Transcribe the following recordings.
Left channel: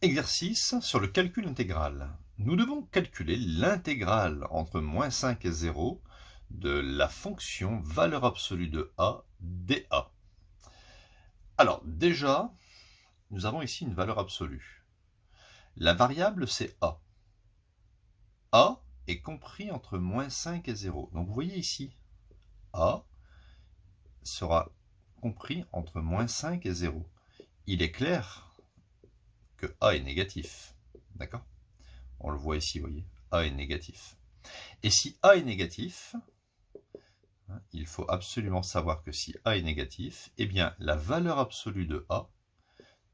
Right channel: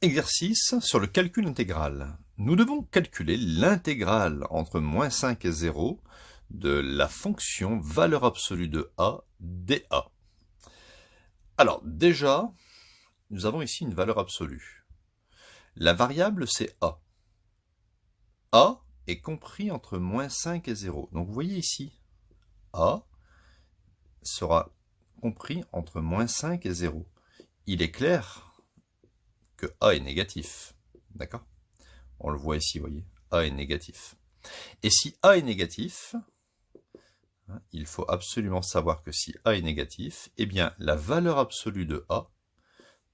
Exercice sur le calcul intégral. Nous devons calculer l'intégrale entre moins 5 et 0 de la fonction valeur absolue de a dA. Alors déjà, nous avons ici une valeur absolue. La variable c'est a. A est compris entre moins 5 et 0. Donc vous voyez ici, a sera compris entre moins 5 et 0. Il est clair que a est négatif. D'accord? On le voit ici, vous voyez, a est négatif. Et si a est négatif, il faut absolument savoir que si a est négatif, eh bien la valeur absolue de a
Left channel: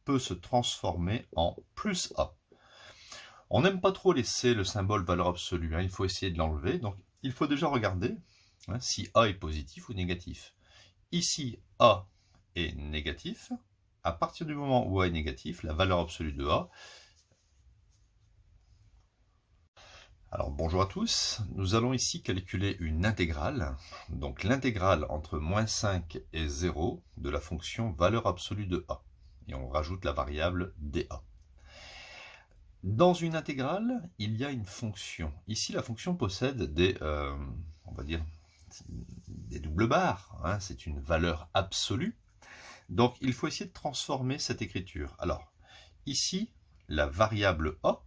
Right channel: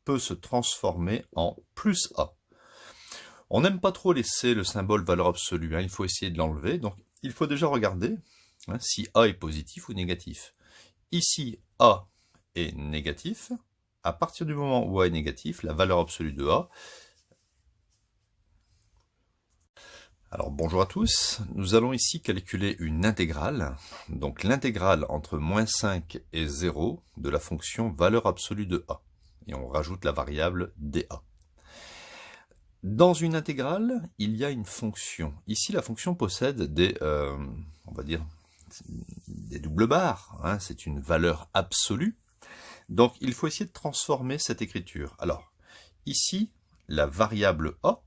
peut se transformer en plus a. On n'aime pas trop laisser le symbole valeur absolue, il faut essayer de l'enlever. Donc il faut déjà regarder si a est positif ou négatif. Ici, a est négatif. À partir du moment où a est négatif, la valeur absolue de a. Alors bonjour à tous, nous allons ici calculer une intégrale, donc l'intégrale entre moins 5 et 0 de la fonction valeur absolue de a. Et on rajoute la variable dA. Dans une intégrale, il y a une fonction. Ici, la fonction possède des, on va dire, des doubles barres. C'est une valeur absolue. Donc il faut essayer de transformer cette écriture. Alors, ici, la variable a,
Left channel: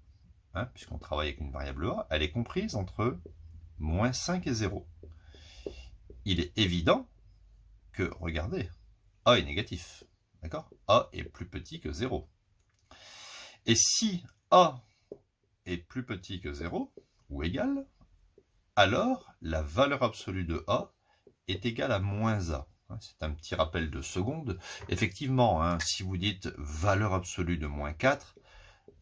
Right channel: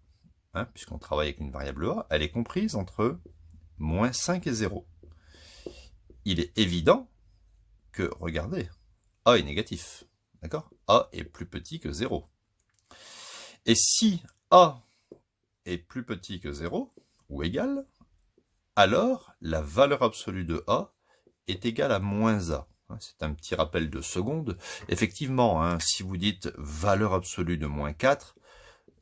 puisqu'on travaille avec une variable a, elle est comprise entre moins 5 et 0. Il est évident que, regardez, a est négatif. D'accord? A est plus petit que 0. Et si a est plus petit que 0, ou égal, alors la valeur absolue de a est égale à moins a. C'est un petit rappel de seconde. Effectivement, si vous dites valeur absolue de moins 4,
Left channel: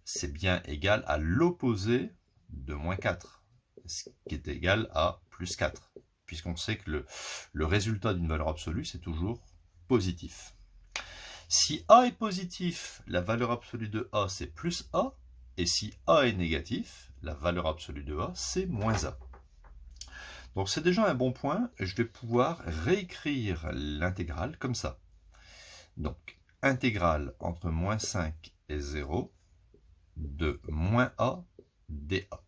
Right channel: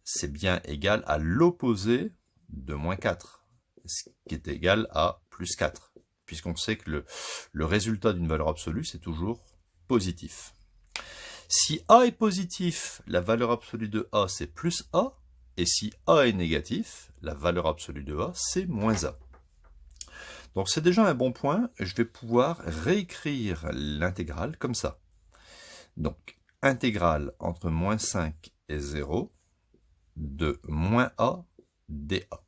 c'est bien égal à l'opposé de moins 4, ce qui est égal à plus 4, puisqu'on sait que le résultat d'une valeur absolue, c'est toujours positif. Si a est positif, la valeur absolue de a, c'est plus a, et si a est négatif, la valeur absolue de a, c'est moins a. Donc c'est déjà un bon point, je vais pouvoir réécrire l'intégrale comme ça. Donc, intégrale entre moins 5 et 0 de moins a dA.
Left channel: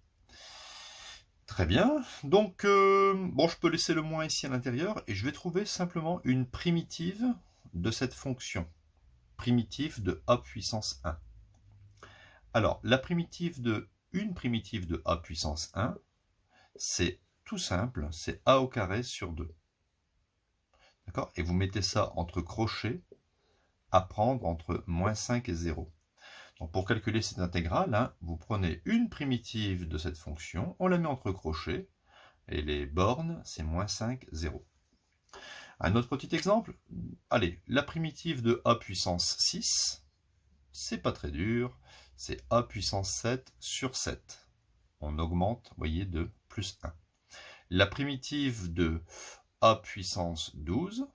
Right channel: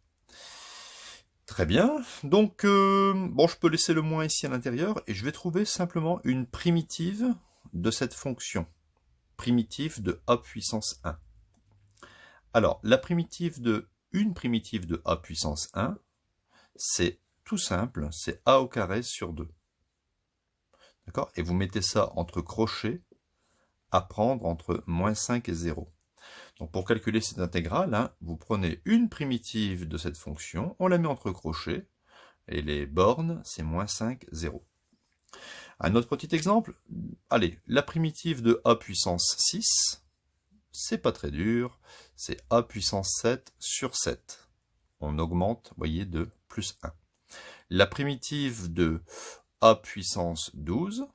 Très bien, donc bon, je peux laisser le moins ici à l'intérieur et je vais trouver simplement une primitive de cette fonction, primitive de a puissance 1. Alors, la primitive de a puissance 1, c'est tout simple, c'est a au carré sur 2. D'accord? Et vous mettez ça entre crochets à prendre entre moins 5 et 0. Donc pour calculer cette intégrale, vous prenez une primitive de cette fonction, on la met entre crochets, et les bornes, c'est moins 5, 0. Un autre petit exemple, allez, la primitive de a puissance 6, c'est pas très dur, c'est a puissance 7 sur 7. On augmente, vous voyez, de plus 1. La primitive de a puissance 12,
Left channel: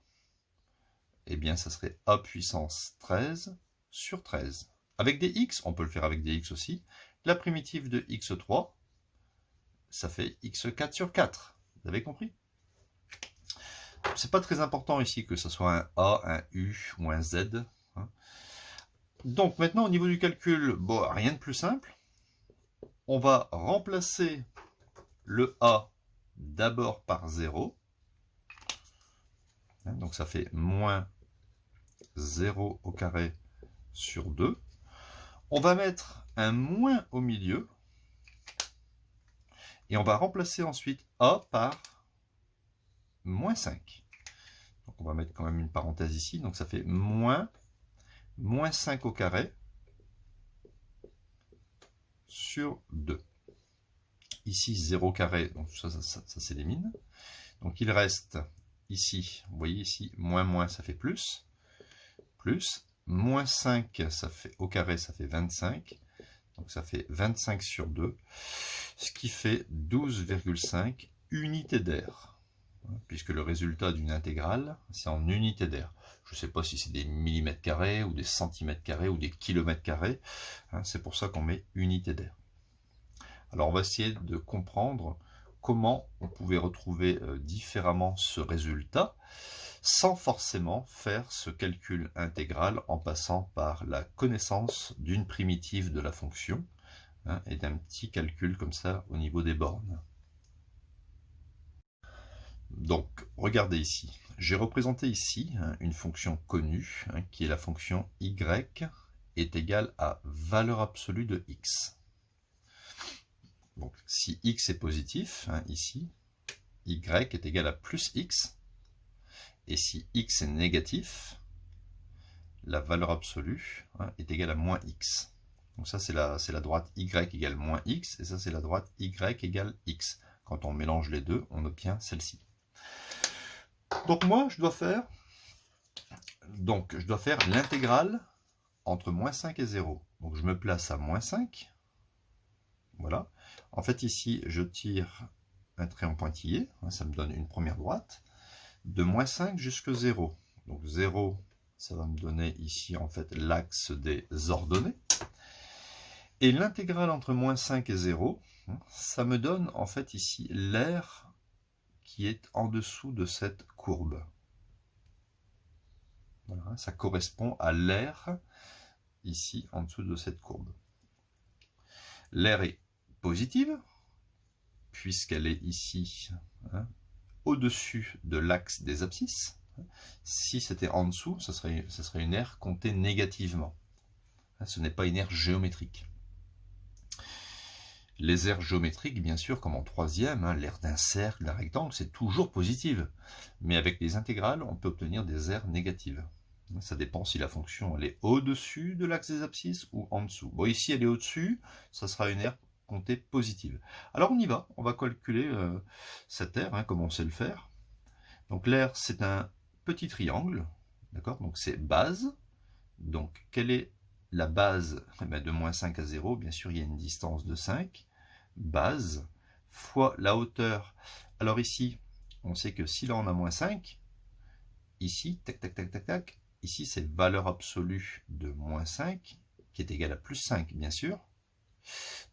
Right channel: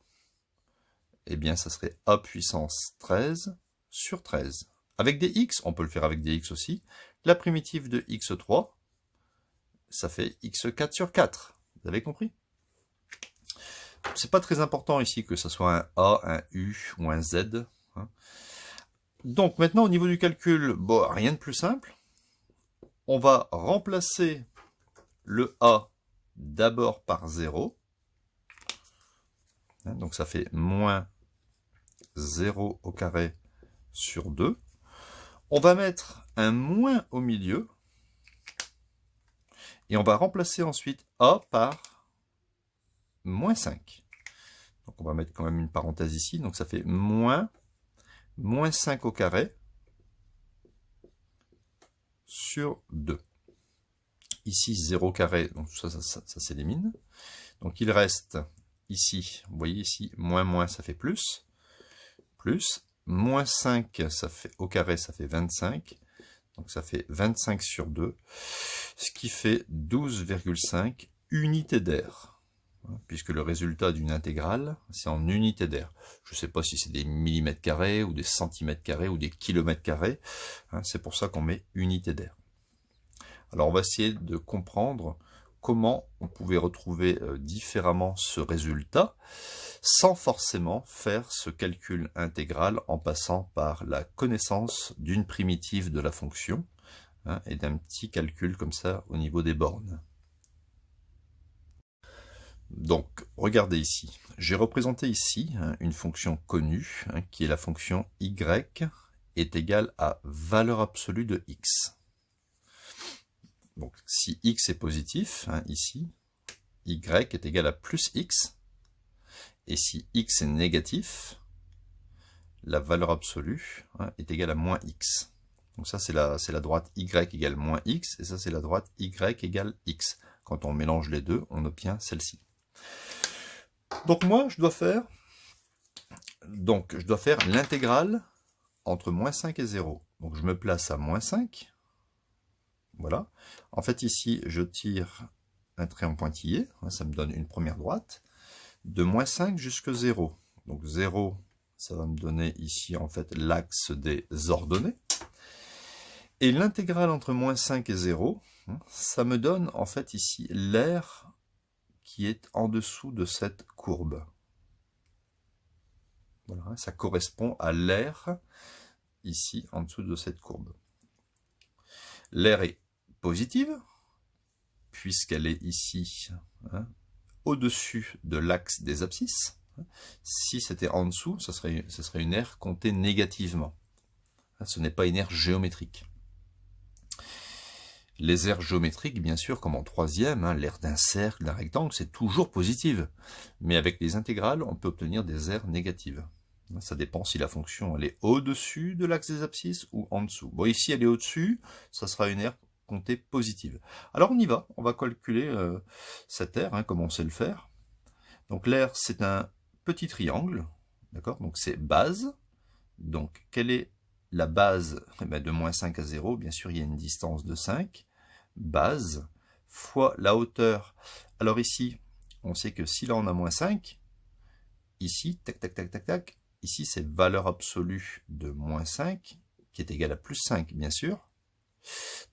eh bien ça serait a puissance 13 sur 13. Avec des x, on peut le faire avec des x aussi. La primitive de x3, ça fait x4 sur 4. Vous avez compris? C'est pas très important ici que ce soit un a, un u ou un z. Donc maintenant au niveau du calcul, bon, rien de plus simple. On va remplacer le a d'abord par 0. Donc ça fait moins 0 au carré sur 2. On va mettre un moins au milieu. Et on va remplacer ensuite a par moins 5. Donc on va mettre quand même une parenthèse ici. Donc ça fait moins 5 au carré sur 2. Ici 0 carré, donc tout ça s'élimine. Donc il reste ici, vous voyez ici, moins, ça fait plus. Plus, moins 5, ça fait, au carré, ça fait 25. Donc ça fait 25 sur 2, ce qui fait 12,5 unités d'air. Puisque le résultat d'une intégrale, c'est en unités d'air. Je ne sais pas si c'est des millimètres carrés, ou des centimètres carrés, ou des kilomètres carrés. C'est pour ça qu'on met unité d'air. Alors on va essayer de comprendre comment on pouvait retrouver différemment ce résultat. sans forcément faire ce calcul intégral en passant par la connaissance d'une primitive de la fonction, hein, et d'un petit calcul comme ça au niveau des bornes. Donc, regardez ici. J'ai représenté ici, hein, une fonction connue, hein, qui est la fonction y est égale à valeur absolue de x. Donc, si x est positif, hein, ici, y est égal à plus x. Et si x est négatif, la valeur absolue, hein, est égale à moins x. Donc ça, c'est la droite y égale moins x, et ça, c'est la droite y égale x. Quand on mélange les deux, on obtient celle-ci. Donc moi, je dois faire l'intégrale entre moins 5 et 0. Donc je me place à moins 5. Voilà. En fait, ici, je tire un trait en pointillé. Ça me donne une première droite. De moins 5 jusqu'à 0. Donc 0, ça va me donner ici, en fait, l'axe des ordonnées. Et l'intégrale entre moins 5 et 0, ça me donne, en fait, ici, l'aire qui est en dessous de cette courbe. Voilà, ça correspond à l'aire ici en dessous de cette courbe. L'aire est positive puisqu'elle est ici, hein, au-dessus de l'axe des abscisses. Si c'était en dessous, ce serait une aire comptée négativement. Ce n'est pas une aire géométrique. Les aires géométriques, bien sûr, comme en troisième, hein, l'aire d'un cercle, d'un rectangle, c'est toujours positive. Mais avec les intégrales, on peut obtenir des aires négatives. Ça dépend si la fonction elle est au-dessus de l'axe des abscisses ou en dessous. Bon, ici, elle est au-dessus, ça sera une aire comptée positive. Alors, on y va. On va calculer cette aire, hein, comme on sait le faire. Donc, l'aire, c'est un petit triangle. D'accord? Donc, c'est base. Donc, quelle est la base? Eh bien, de moins 5 à 0, bien sûr, il y a une distance de 5. Base fois la hauteur. Alors ici, on sait que si là on a moins 5, ici, tac, tac, tac, tac, tac, ici c'est valeur absolue de moins 5, qui est égale à plus 5, bien sûr.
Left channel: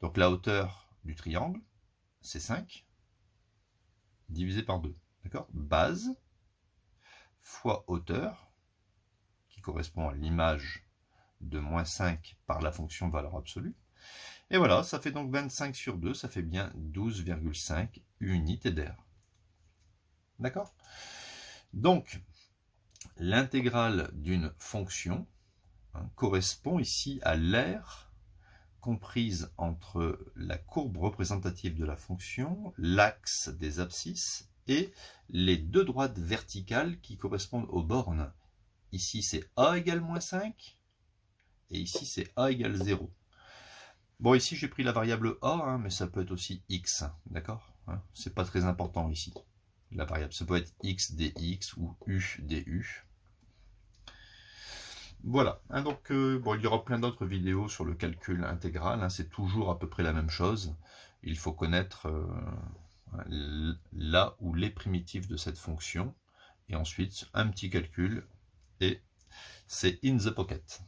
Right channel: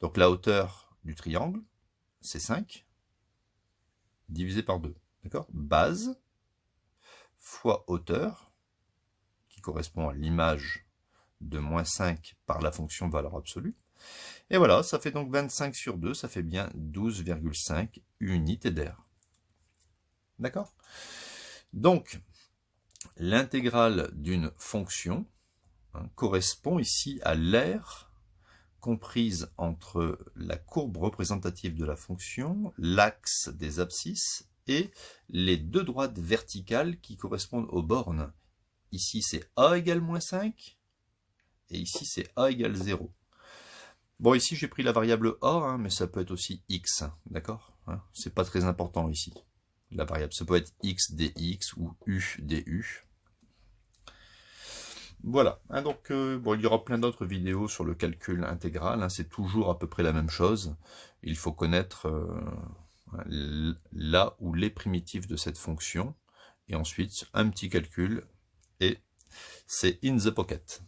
Donc la hauteur du triangle, c'est 5, divisé par 2. D'accord? Base fois hauteur, qui correspond à l'image de moins 5 par la fonction valeur absolue. Et voilà, ça fait donc 25 sur 2, ça fait bien 12,5 unités d'aire. D'accord? Donc, l'intégrale d'une fonction, hein, correspond ici à l'aire comprise entre la courbe représentative de la fonction, l'axe des abscisses et les deux droites verticales qui correspondent aux bornes. Ici, c'est a égale moins 5 et ici, c'est a égale 0. Bon, ici, j'ai pris la variable a, hein, mais ça peut être aussi x, d'accord, hein, c'est pas très important ici. La variable, ça peut être x dx ou u du. Voilà, hein, donc bon, il y aura plein d'autres vidéos sur le calcul intégral, hein, c'est toujours à peu près la même chose. Il faut connaître là ou les primitives de cette fonction, et ensuite un petit calcul, et c'est in the pocket.